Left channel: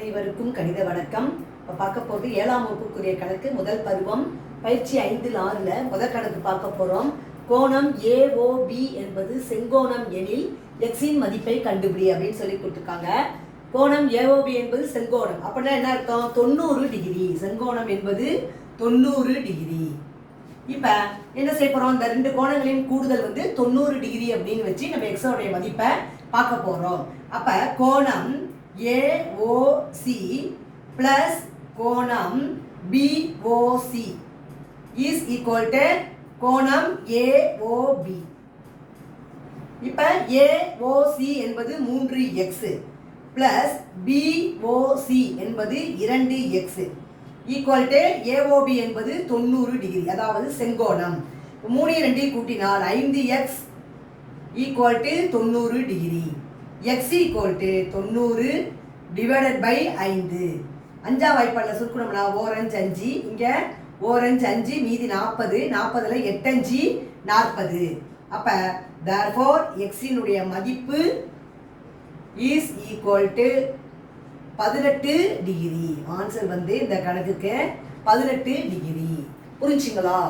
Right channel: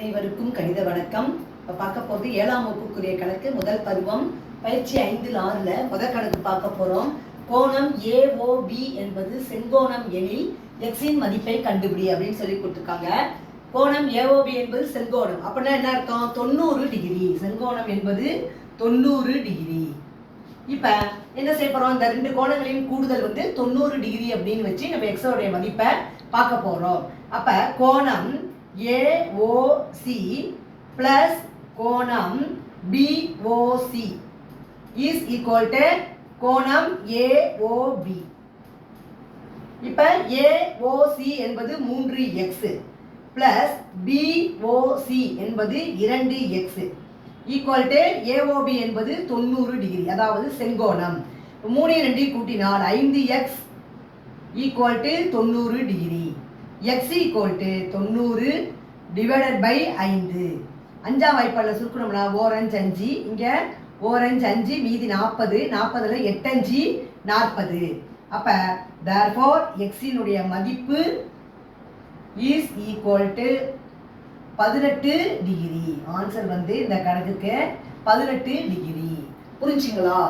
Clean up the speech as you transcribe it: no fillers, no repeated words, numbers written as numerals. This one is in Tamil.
அனைவருக்கும் கணித வணக்கம். இப்போ பார்க்க போகிறது 7ஆம் வகுப்புக்குரிய கணக்கு முதல் பருவம் பயிற்சி 5/6 முதல் கணக்கு பார்க்க போகிறோம். கோணம் AOB என்பது செங்கோணம் எனில் எக்ஸின் மதிப்பை கண்டுபிடி அப்படின்னு சொல்லி கொடுத்துருக்காங்க. கோணம் AOB என்பது செங்கோணம் அப்படின்னா என்ன அர்த்தம்? 90 டிகிரி. செங்கோணம் என்பது 90 டிகிரி. இப்போ என்ன செய்ய போகிறோம்? இந்த ரெண்டு கோணங்களின் கூடுதல் 90 டிகிரி அப்படின்னு வச்சு நம்ம எக்ஸோடைய மதிப்பை பார்க்க போகிறோம். அப்போ கோணம் AOC plus கோணம் BOC is equal to கோணம் AOB. இப்போ AOC என்பது 3x plus BOC என்பது 2x equal to AOB என்பது 90 டிகிரி, அதாவது செங்கோணம். 3 2 கூட்டினால் 5x equal to 90 degree. x equal to 90 divided by 5. 5ஆம் வாய்ப்பாடில் சுருக்கணும்னா ஓரஞ்சு 5, இங்கே ஓரஞ்சு 5 மீதி 40, 40ல் 8 5 40. அப்போ therefore x-இனுடைய மதிப்பு is equal to 18 degree. Answer இந்த கணக்குக்கு 18 டிகிரி. புரிஞ்சுங்களா?